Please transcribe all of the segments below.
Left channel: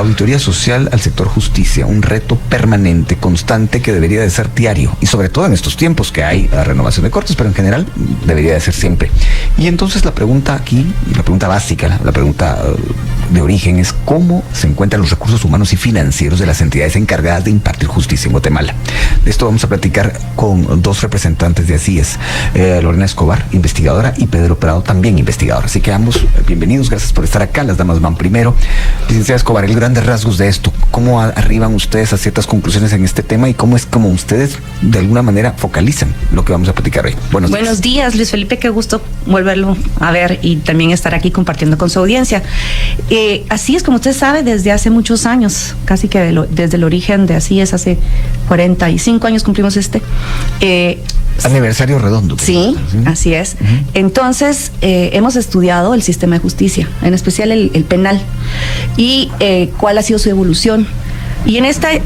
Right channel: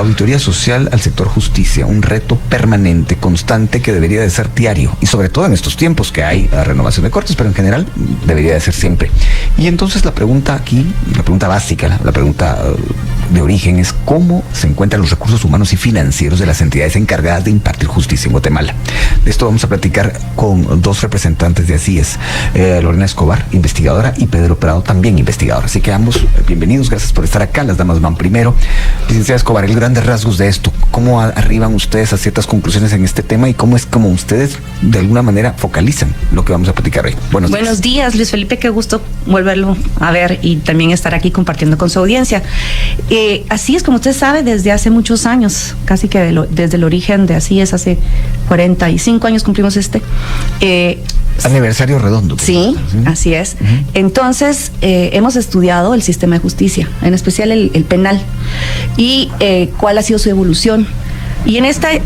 La auditoría social al sector justicia, un reto permanente, constante, que debería de ser diario, y sobre todo en estos tiempos que hay la renovación de cortes, pero en general debería de ser siempre. Y entonces la pregunta aquí, la pregunta básica, la pregunta de origen es cómo se encuentran los recursos humanos y financieros de las entidades encargadas de impartir justicia en Guatemala. De esto vamos a platicar con dos representantes de CIES, Lorena Escobar, investigadora, y Pedro Prado, también investigador. Así que ambos, bienvenidos, gracias por estar acá. Las damas van primero. Licenciada Escobar, el grandes rasgos de esto, ¿cómo arriban ustedes a ciertas conclusiones en este tema y cómo es como ustedes de alguna manera focalizan lo que vamos a platicar hoy? Buenos días, Luis Felipe, qué gusto volverlo a ver y también estar aquí compartiendo con su audiencia. Así es, como usted sabe, desde hace muchos años, casi que desde el origen de Así es, hace 45 años cumplimos aniversario redondo. Sí, así es. Entonces, hemos estudiado el sistema de justicia, en especial el penal, y cuál ha sido su evolución. Y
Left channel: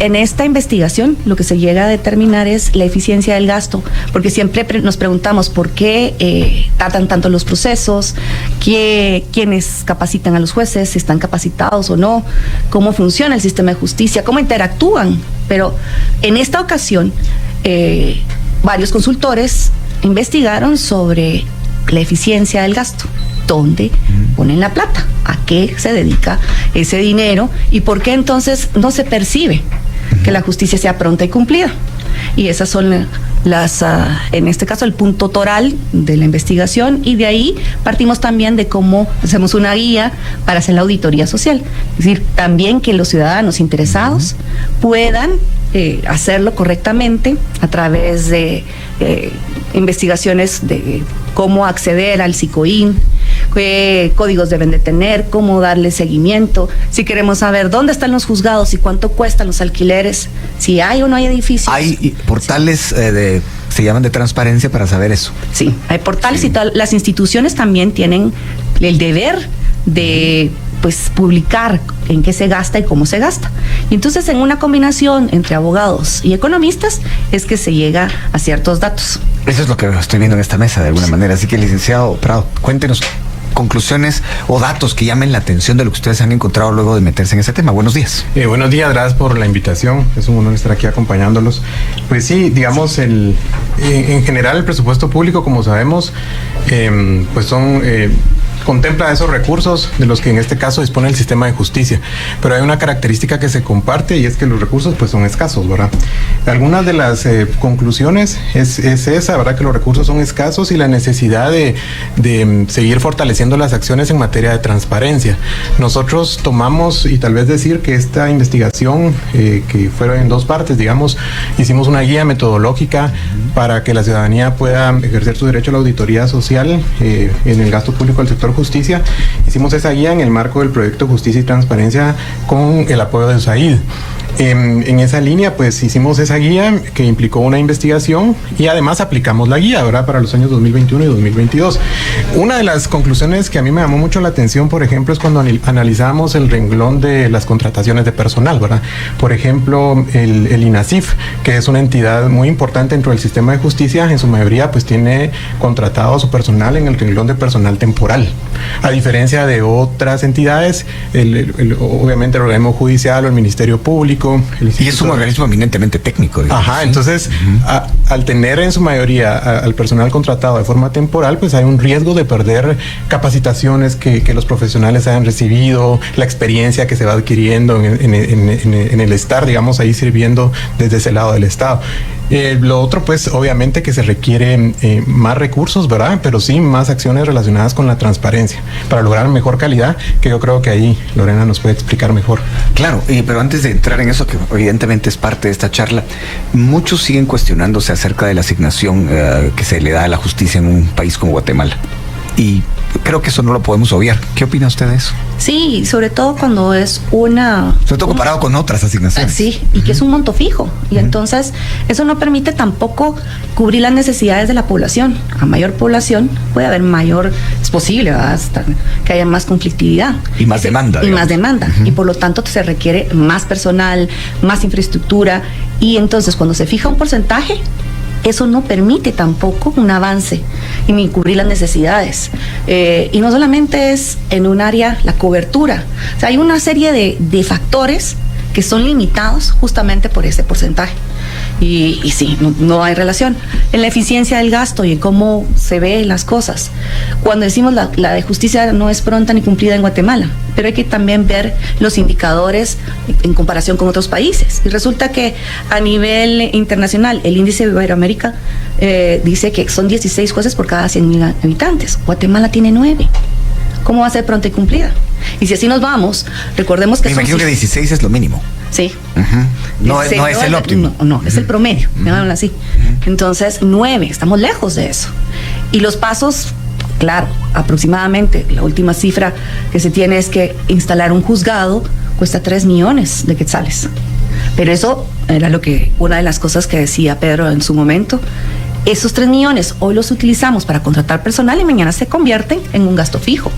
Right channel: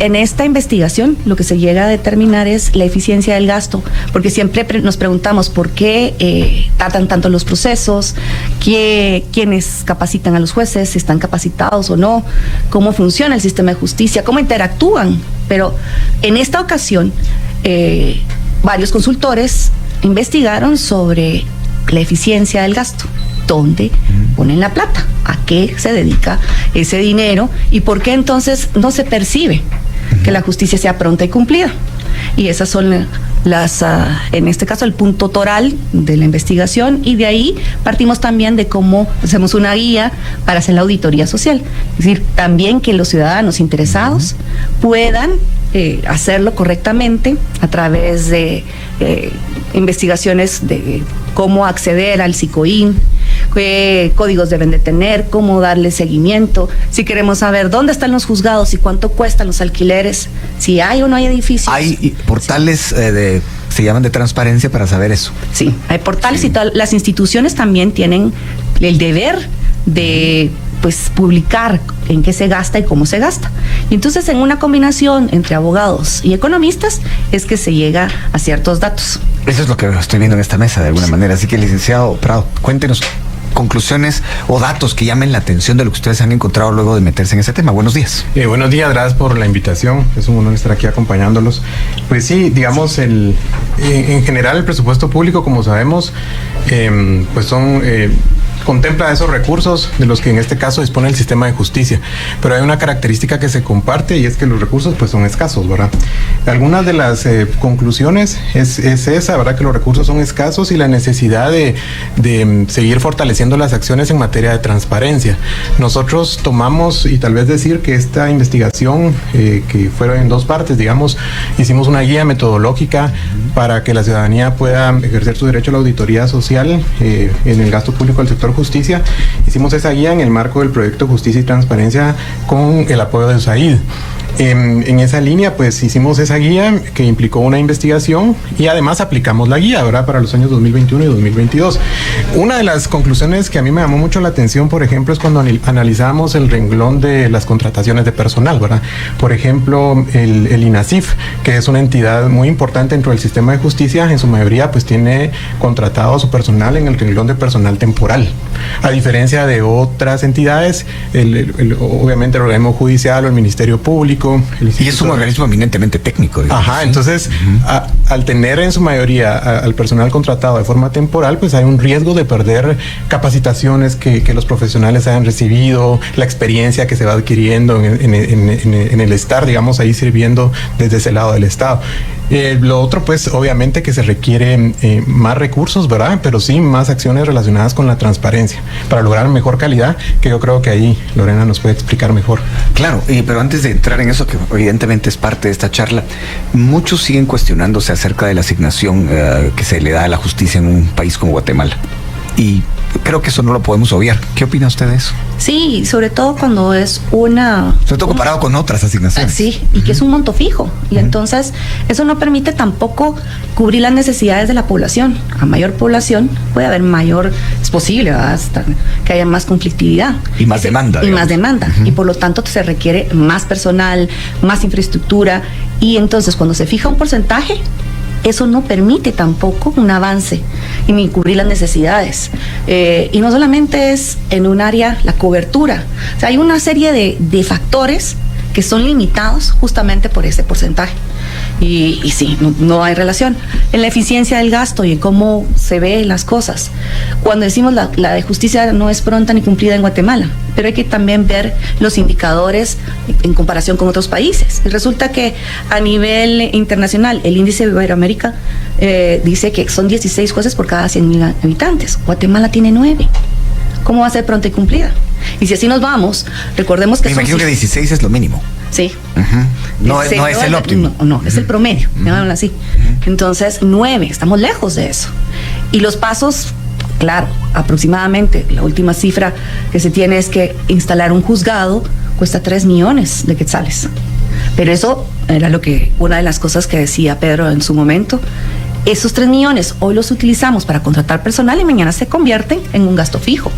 en esta investigación lo que se llega a determinar es la eficiencia del gasto, porque siempre nos preguntamos por qué tardan tanto los procesos, quiénes capacitan a los jueces, si están capacitados o no, cómo funciona el sistema de justicia, cómo interactúan. Pero en esta ocasión, varios consultores investigaron sobre la eficiencia del gasto. ¿Dónde ponen la plata? ¿A qué se dedica ese dinero? ¿Y por qué entonces no se percibe que la justicia sea pronta y cumplida? Y esas son en este caso, el punto toral de la investigación, y de ahí partimos también de cómo hacemos una guía para hacer la auditoría social. Es decir, también que los ciudadanos interesados puedan hacerlo correctamente a través de investigaciones de cómo acceder al SICOIN, qué códigos deben de tener, cómo darle seguimiento, si queremos saber dónde están los juzgados y cuánto cuestan los alquileres, si hay o no hay edificios. Hay portales se llaman de transparencia para saber eso. Sí, hay portales y tal. Las instituciones también tienen el deber de publicar en qué se gasta y cómo se gasta. Entonces, en una combinación entre abogados y economistas es que se llega a ciertos datos. Eso es lo que estoy viendo en esta mesa de alguna manera. Así que, licenciado Prado, cuéntenos conclusiones o datos que llamen la atención de lo que ustedes han encontrado luego de meterse en ese tema. Buenos días. Buenos días, gracias por la invitación. Es un honor estar aquí acompañándolos. Pues sí, digamos, en general el presupuesto público, como sabemos, contempla esos recursos de los que en este caso dispone el sistema de justicia. Pero hay una característica que se comparte, y es que los recursos son escasos, ¿verdad? Algunas de las conclusiones es esa, ¿verdad? Que los recursos son escasos y la necesidad de seguir fortaleciendo las acciones en materia de transparencia. Nosotros tomamos, y tal vez decir que esta investigación, que fueron en dos partes, digamos, hicimos una guía metodológica para que la ciudadanía pueda ejercer su derecho a la auditoría social en el gasto público al sector justicia. Hicimos esa guía en el marco del proyecto Justicia y Transparencia con el apoyo de USAID. En esa línea, hicimos esa guía que implicó una investigación y además aplicamos la guía, ¿verdad?, para los años 2021 y 2022. Una de las conclusiones que a mí me llamó mucho la atención, por ejemplo, es cuando analizamos el renglón de las contrataciones de personal, ¿verdad? Por ejemplo, el INASIF, que es una entidad muy importante dentro del sistema de justicia, en su mayoría tiene contratado a su personal en el renglón de personal temporal. A diferencia de otras entidades, obviamente el organismo judicial o el Ministerio Público. Y es un organismo eminentemente técnico, digamos. Ajá, entonces, al tener en su mayoría al personal contratado de forma temporal, hay un riesgo de perder capacitaciones que los profesionales hayan recibido, la experiencia que se va adquiriendo en el estar, digamos, ahí sirviendo desde ese lado del Estado. Lo otro, obviamente que se requieren más recursos, ¿verdad? Pero sí, más acciones relacionadas con la transparencia para lograr mejor calidad, que yo creo que ahí Lorena nos puede explicar mejor. Claro, pero antes de entrar en eso, que evidentemente es parte de esta charla, muchos siguen cuestionándose acerca de la asignación que se le da a la justicia en un país como Guatemala. Y creo que eso no lo podemos obviar. ¿Qué opina usted de eso? Sí, sobre todo cuando es una... Sobre todo comparado con otras asignaciones. Sí, y que es un monto fijo. Y entonces eso no permite tampoco cubrir las necesidades de la población. A mayor población puede haber mayor... Es posible, ¿verdad?, hasta que haya más conflictividad. Y más demanda. Y más demanda. Y por lo tanto se requiere más personal, más infraestructura. Y entonces cuando se fija un porcentaje, eso no permite tampoco un avance ni cubrir las necesidades. Y no solamente es en un área la cobertura, o sea, hay una serie de factores que son limitados justamente por ese porcentaje. Y sí, no hay relación. En la eficiencia del gasto y en cómo se ven las cosas. Cuando decimos la de justicia no es pronta ni cumplida en Guatemala, pero hay que también ver los indicadores en comparación con otros países. Resulta que a nivel internacional, el índice de Iberoamérica dice que son 16 jueces por cada 100.000 habitantes. Guatemala tiene 9. ¿Cómo va a ser pronta y cumplida? Y si así nos vamos, recordemos que... Me imagino que 16 es lo mínimo. Sí. No es el óptimo. No, es el promedio, llamémoslo así. Entonces, 9, estamos lejos de eso. Y los pasos, claro, aproximadamente, la última cifra que se tiene es que instalar un juzgado cuesta 3 millones de quetzales. Pero eso era una de las cosas que decía Pedro en su momento. Esos 3 millones hoy los utilizamos para contratar personal y mañana se convierten en un gasto fijo.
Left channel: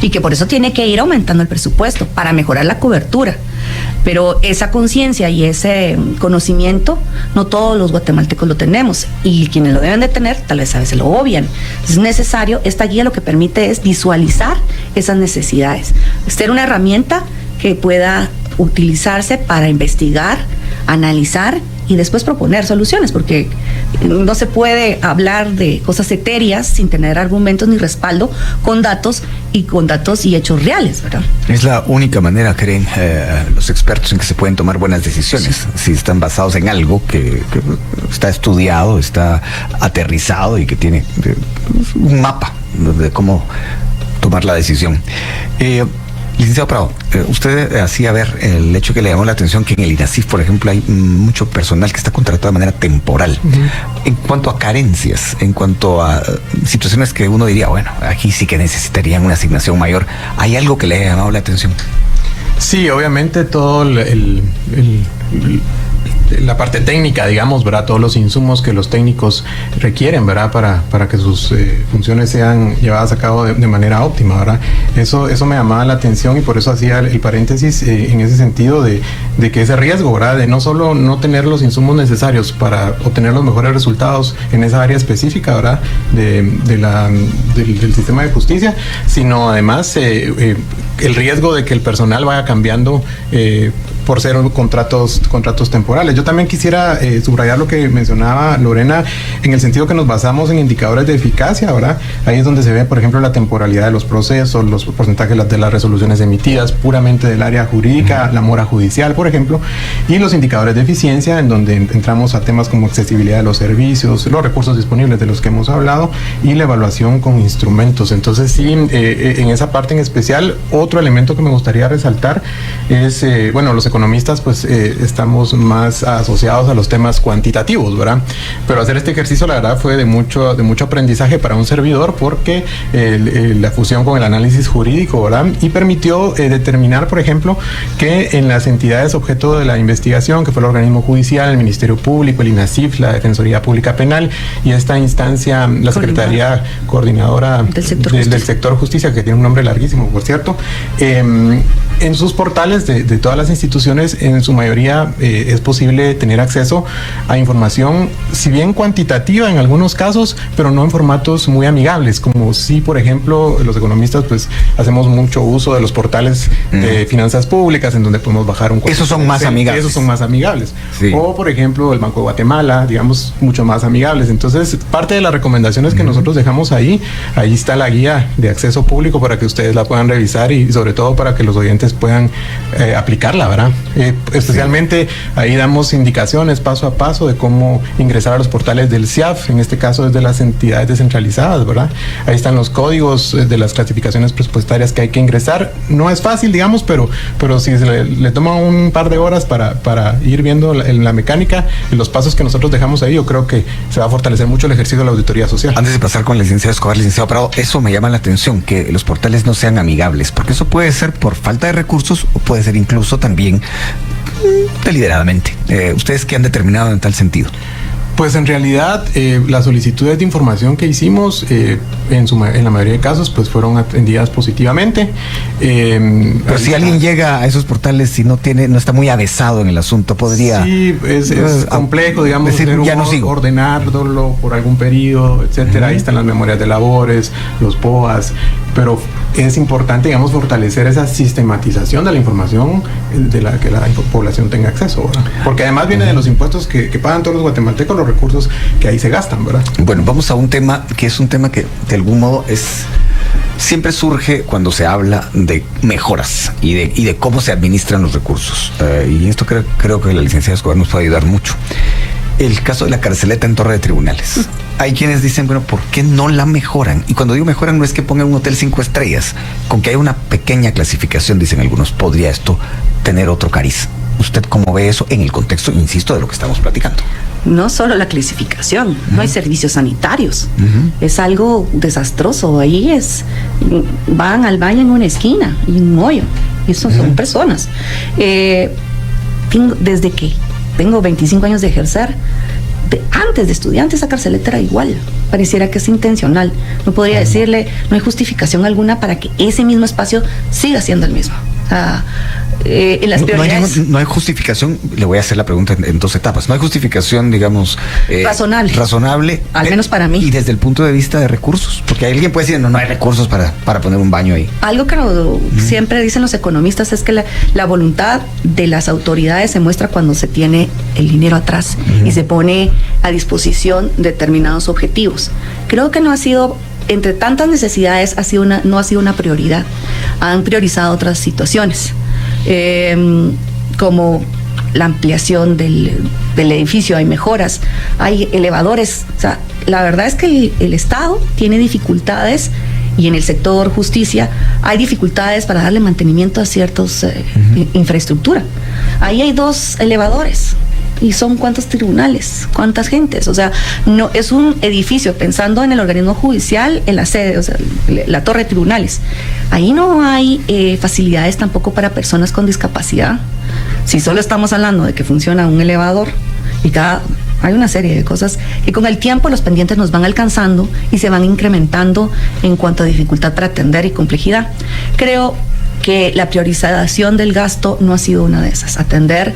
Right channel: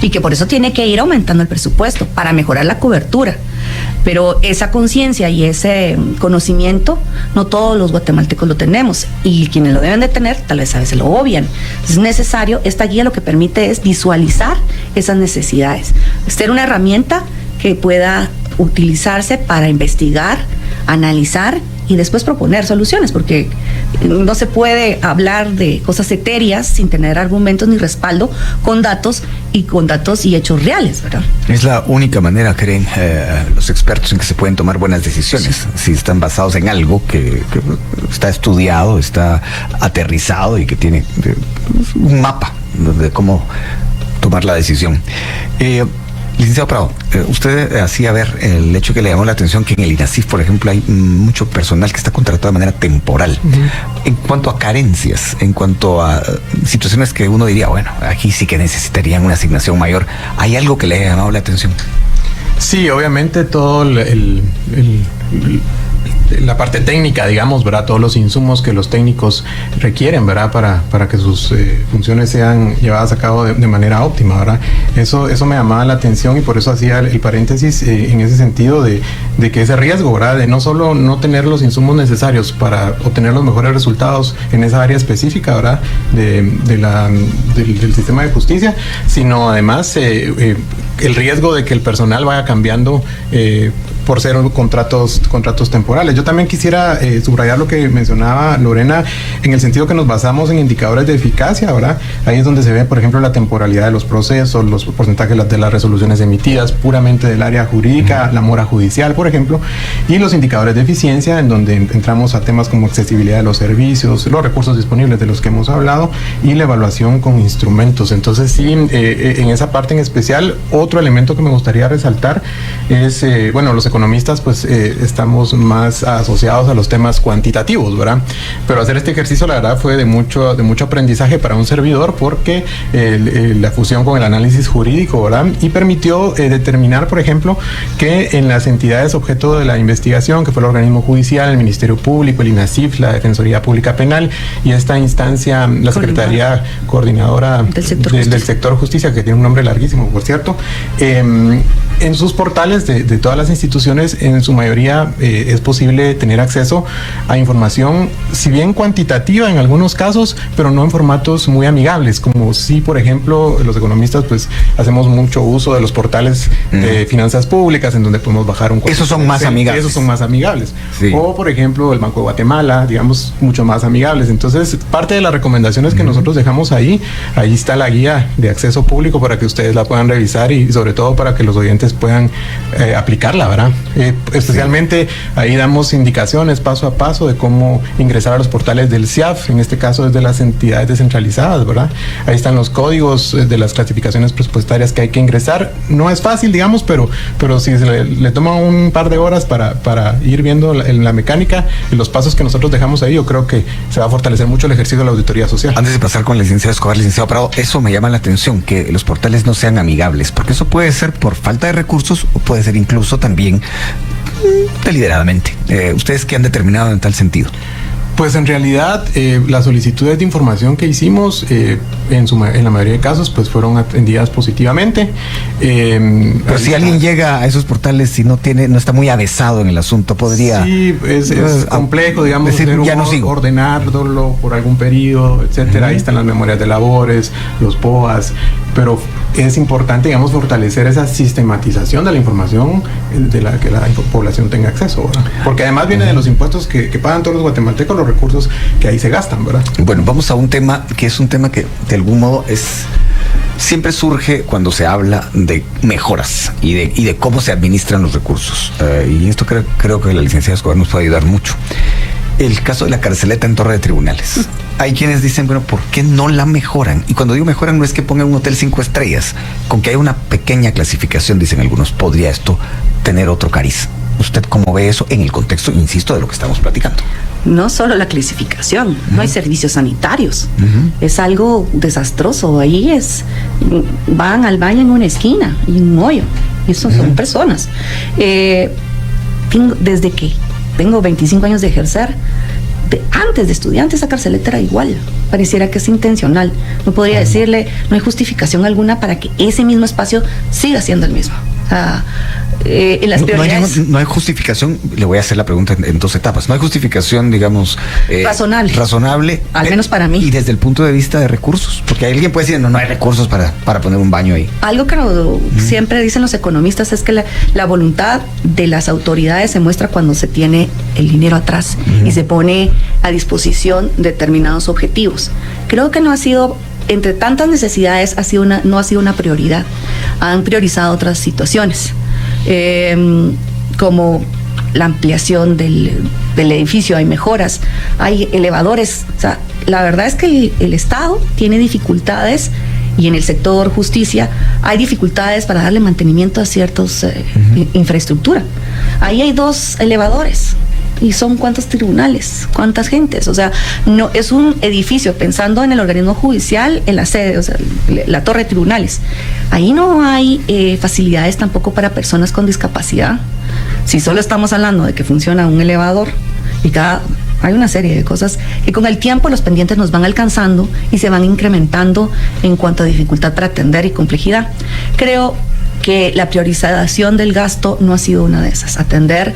Y que por eso tiene que ir aumentando el presupuesto para mejorar la cobertura. Pero esa conciencia y ese conocimiento, no todos los guatemaltecos lo tenemos. Y quienes lo deben de tener, tal vez a veces lo obvian. Es necesario, esta guía lo que permite es visualizar esas necesidades. Ser una herramienta que pueda utilizarse para investigar, analizar y después proponer soluciones, porque no se puede hablar de cosas etéreas sin tener argumentos ni respaldo con datos y hechos reales, ¿verdad? Es la única manera, creen los expertos, en que se pueden tomar buenas decisiones, si están basados en algo que está estudiado, está aterrizado y que tiene un mapa, ¿no?, de cómo tomar la decisión. Licenciado Prado, usted hacía ver el hecho que le llamó la atención que en el INASIF, por ejemplo, hay mucho personal que está contratado de manera temporal. En cuanto a carencias, en cuanto a situaciones que uno diría, bueno, aquí sí que necesitarían una asignación mayor, ¿hay algo que le ha llamado la atención? Sí, obviamente todo la parte técnica, digamos, ¿verdad? Todos los insumos que los técnicos requieren, ¿verdad? Para que sus funciones sean llevadas a cabo de manera óptima, ¿verdad? Eso me llamaba la atención y por eso hacía el paréntesis en ese sentido de que ese riesgo, ¿verdad? De no solo no tener los insumos necesarios para obtener los mejores resultados en esa área específica, ¿verdad? Del sistema de justicia, sino además el riesgo de que el personal vaya cambiando por ser contratos temporales. Yo también quisiera subrayar lo que mencionaba Lorena en el sentido que nos basamos en indicadores de eficacia, ¿verdad? Ahí es donde se ve, por ejemplo, la temporalidad de los procesos, los porcentajes de las resoluciones emitidas puramente del área jurídica, la mora judicial, por ejemplo, y los indicadores de eficiencia, en donde entramos a temas como accesibilidad de los servicios, los recursos disponibles de los que hemos hablado y la evaluación con instrumentos. Entonces, sí, en esa parte en especial, otro elemento que me gustaría resaltar es, los economistas pues estamos más asociados a los temas cuantitativos, ¿verdad? Pero hacer este ejercicio, la verdad, fue de mucho aprendizaje para un servidor, porque la fusión con el análisis jurídico, ¿verdad? Y permitió determinar, por ejemplo, que en las entidades objeto de la investigación, que fue el organismo judicial, el Ministerio Público, el INASIF, la Defensoría Pública Penal y esta instancia, la Secretaría Coordinadora del Sector Justicia, que tiene un nombre larguísimo, por cierto, en sus portales de todas las instituciones, en su mayoría es posible tener acceso a información, si bien cuantitativa en algunos casos, pero no en formatos muy amigables, como si, por ejemplo, los economistas pues hacemos mucho uso de los portales de finanzas públicas, en donde podemos bajar un costo. Esos son más amigables. Esos son más amigables. Sí. O, por ejemplo, el Banco de Guatemala, digamos, mucho más amigables. Entonces, parte de las recomendaciones que nosotros dejamos ahí está la guía de acceso público para que ustedes la puedan revisar y sobre todo para que los oyentes puedan aplicarla, ¿verdad? Especialmente ahí damos indicaciones paso a paso de cómo ingresar a los portales del CIAF, en este caso desde las entidades descentralizadas, ¿verdad? Ahí están los códigos de las clasificaciones presupuestarias que hay que ingresar. No es fácil, digamos, pero si le toma un par de horas para ir viendo la mecánica y los pasos que nosotros dejamos ahí, yo creo que se va a fortalecer mucho el ejercicio de la auditoría social. Antes de pasar con el licenciado Escobar, licenciado Prado, eso me llama la atención, que los portales no sean amigables, porque eso puede ser por falta de recursos, puede ser incluso también deliberadamente. ¿Ustedes qué han determinado en tal sentido? Pues en realidad las solicitudes de información que hicimos en la mayoría de casos pues fueron atendidas positivamente. Pero si alguien llega a esos portales y no está muy avesado en el asunto, podría... Sí, es complejo, digamos, decir, ya no sigo. Ordenarlo por algún periodo, etcétera. Ahí están las memorias de labores, los POAs, pero es importante, digamos, fortalecer esa sistematización de la información de la que la población tenga acceso, ¿verdad? Porque además viene de los impuestos que pagan todos los guatemaltecos, los recursos que ahí se gastan, ¿verdad? Bueno, vamos a un tema que es un tema que de algún modo siempre surge cuando se habla de mejoras y de cómo se administran los recursos. Y esto creo que la licenciada Escobar nos puede ayudar mucho. El caso de la carceleta en Torre de Tribunales. Hay quienes dicen, bueno, ¿por qué no la mejoran? Y cuando digo mejoran no es que pongan un hotel 5 estrellas. Aunque hay una pequeña clasificación, dicen algunos, podría esto tener otro cariz. ¿Usted cómo ve eso en el contexto, insisto, de lo que estamos platicando? No solo la clasificación, no hay servicios sanitarios. Es algo desastroso. Ahí van al baño en una esquina y un hoyo. Esos son personas. Desde que tengo 25 años de ejercer, antes de estudiante, esa carceleta era igual. Pareciera que es intencional. No podría decirle, no hay justificación alguna para que ese mismo espacio siga siendo el mismo. En las prioridades... no hay justificación, le voy a hacer la pregunta en dos etapas. No hay justificación, digamos... razonable. Al menos para mí. Y desde el punto de vista de recursos. Porque alguien puede decir, no hay recursos para poner un baño ahí. Algo que siempre dicen los economistas es que la voluntad de las autoridades se muestra cuando se tiene el dinero atrás y se pone a disposición determinados objetivos. Creo que no ha sido... Entre tantas necesidades no ha sido una prioridad. Han priorizado otras situaciones. Como la ampliación del edificio, hay mejoras, hay elevadores. O sea, la verdad es que el Estado tiene dificultades, y en el sector justicia hay dificultades para darle mantenimiento a ciertas infraestructura. Ahí hay 2 elevadores. ¿Y son cuántos tribunales? ¿Cuántas gentes? O sea, no es un edificio, pensando en el organismo judicial, en la sede, o sea, la torre de tribunales. Ahí no hay facilidades tampoco para personas con discapacidad. Si solo estamos hablando de que funciona un elevador hay una serie de cosas que con el tiempo los pendientes nos van alcanzando y se van incrementando en cuanto a dificultad para atender y complejidad. Creo que la priorización del gasto no ha sido una de esas. Atender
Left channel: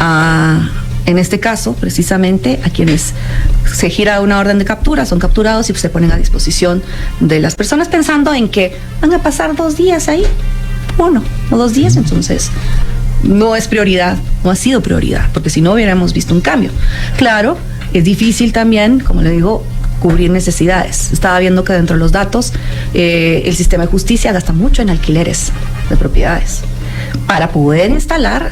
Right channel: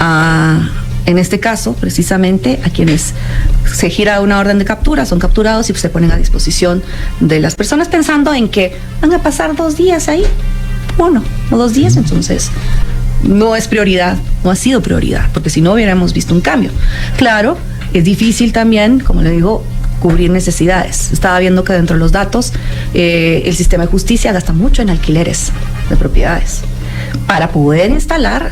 en este caso, precisamente, a quienes se gira una orden de captura, son capturados y se ponen a disposición de las personas pensando en que van a pasar 2 días ahí, 1 o 2 días, entonces no es prioridad, no ha sido prioridad, porque si no hubiéramos visto un cambio. Claro, es difícil también, como le digo, cubrir necesidades. Estaba viendo que dentro de los datos, el sistema de justicia gasta mucho en alquileres de propiedades para poder instalar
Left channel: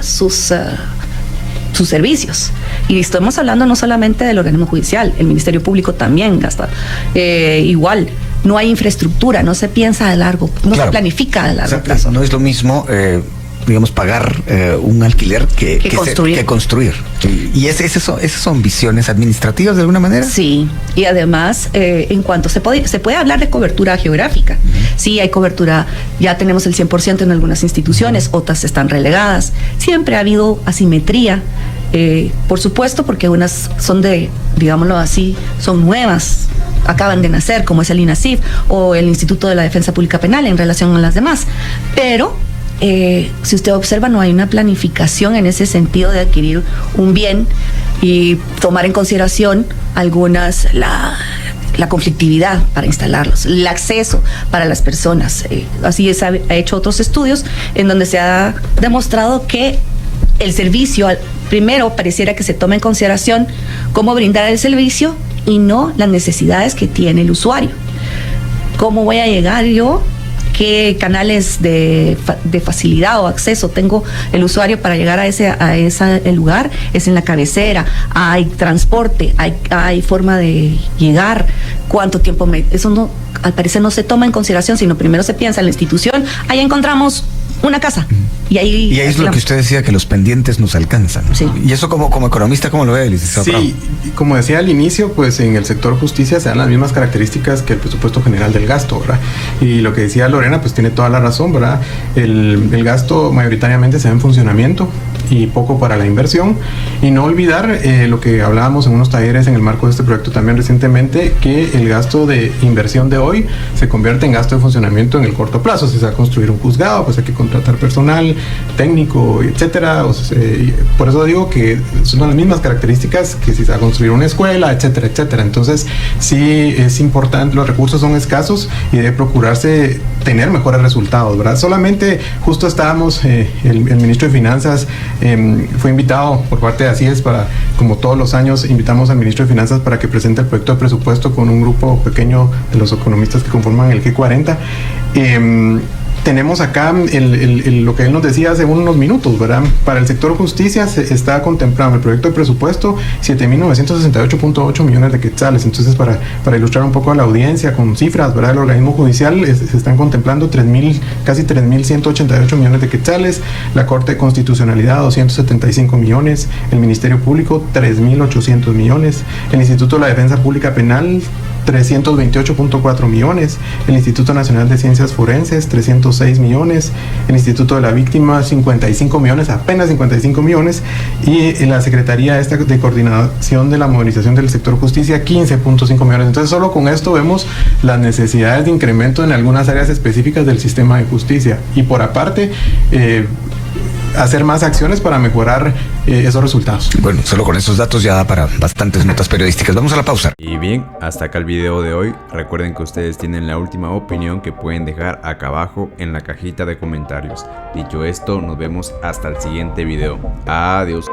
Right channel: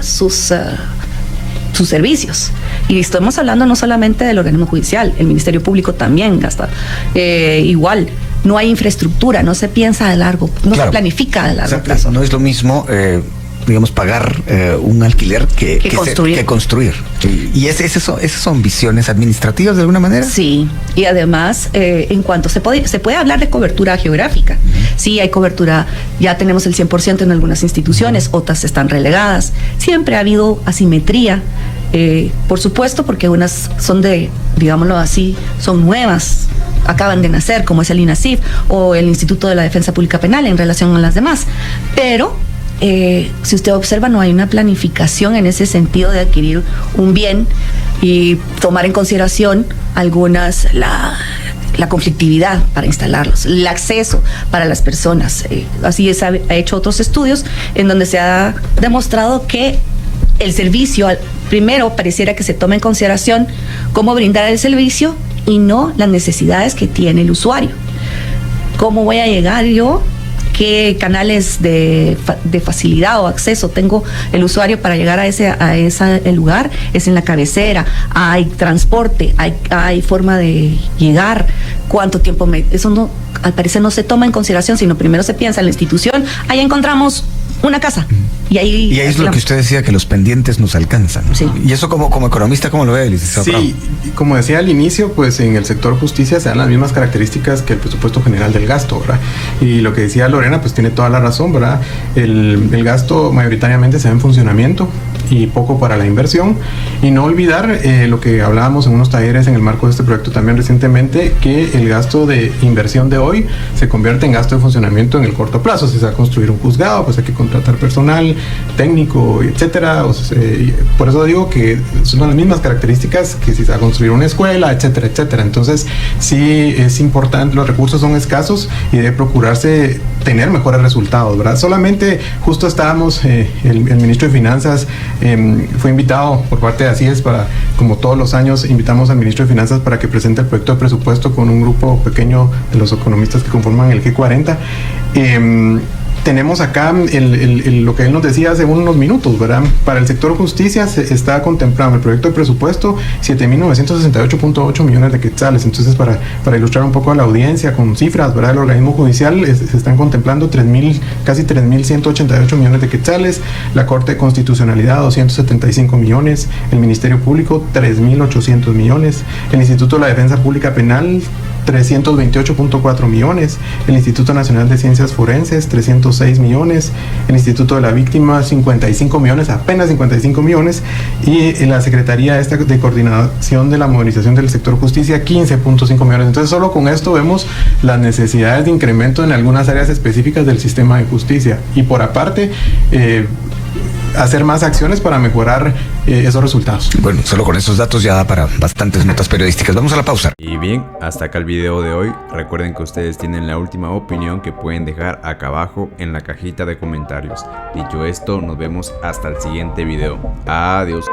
sus servicios. Y estamos hablando no solamente del organismo judicial, el Ministerio Público también gasta igual. No hay infraestructura, no se piensa de largo, se planifica de largo plazo. No es lo mismo, digamos, pagar un alquiler que construir. ¿Y esas son visiones administrativas de alguna manera? Sí, y además, en cuanto se puede hablar de cobertura geográfica. Sí, hay cobertura, ya tenemos el 100% en algunas instituciones, otras están relegadas. Siempre ha habido asimetría, por supuesto, porque unas son digámoslo así, son nuevas, acaban de nacer, como es el INASIF o el Instituto de la Defensa Pública Penal en relación a las demás. Pero si usted observa, no hay una planificación en ese sentido de adquirir un bien, tomar en consideración la conflictividad para instalarlos, el acceso para las personas. Así es, ha hecho otros estudios en donde se ha demostrado que el servicio, primero pareciera que se toma en consideración cómo brindar el servicio y no las necesidades que tiene el usuario. ¿Cómo voy a llegar yo? ¿Qué canales de facilidad o acceso tengo el usuario para llegar a ese lugar? Es en la cabecera, hay transporte, hay forma de llegar, cuánto tiempo eso no, al parecer no se toma en consideración, sino primero se piensa en la institución, ahí encontramos una casa. Y ahí es lo que usted decía, que los pendientes nos alcanzan. Sí. Y eso como economista, ¿cómo lo ve, licenciado? Sí, como decía al inicio, pues en el sector justicia se dan las mismas características que el presupuesto general del gasto, ¿verdad? Y lo que decía Lorena, pues tiene toda la razón, ¿verdad? El gasto mayoritariamente se da en funcionamiento y poco para la inversión. Y no olvidar lo que hablábamos en unos talleres en el marco de este proyecto también recientemente, que el gasto de inversión de hoy se convierte en gasto de funcionamiento en el corto plazo. Si se va a construir un juzgado, pues hay que contratar personal técnico, etcétera. Por eso digo que son las mismas características que si se va a construir una escuela, etcétera, etcétera. Entonces sí es importante, los recursos son escasos y debe procurarse tener mejores resultados, ¿verdad? Solamente justo estábamos, el ministro de Finanzas fue invitado por parte de Asíes para, como todos los años, invitamos al ministro de Finanzas para que presente el proyecto de presupuesto con un grupo pequeño de los economistas que conforman el G40. Tenemos acá lo que él nos decía hace unos minutos, ¿verdad? Para el sector justicia se está contemplando el proyecto de presupuesto 7.968.8 millones de quetzales. Entonces, para ilustrar un poco a la audiencia con cifras, ¿verdad? El organismo judicial se están contemplando casi 3.188 millones de quetzales, la Corte de Constitucionalidad 275 millones, el Ministerio Público 3.800 millones, el Instituto de la Defensa Pública Penal 328.4 millones, el Instituto Nacional de Ciencias Forenses 306 millones, el Instituto de la Víctima 55 millones, apenas 55 millones, y la Secretaría de Coordinación de la Modernización del Sector Justicia 15.5 millones. Entonces solo con esto vemos las necesidades de incremento en algunas áreas específicas del sistema de justicia, y por aparte hacer más acciones para mejorar esos resultados. Bueno, solo con esos datos ya da para bastantes notas periodísticas. Vamos a la pausa. Y bien, hasta acá el video de hoy. Recuerden que ustedes tienen la última opinión que pueden dejar acá abajo en la cajita de comentarios. Dicho esto, nos vemos hasta el siguiente video. Adiós.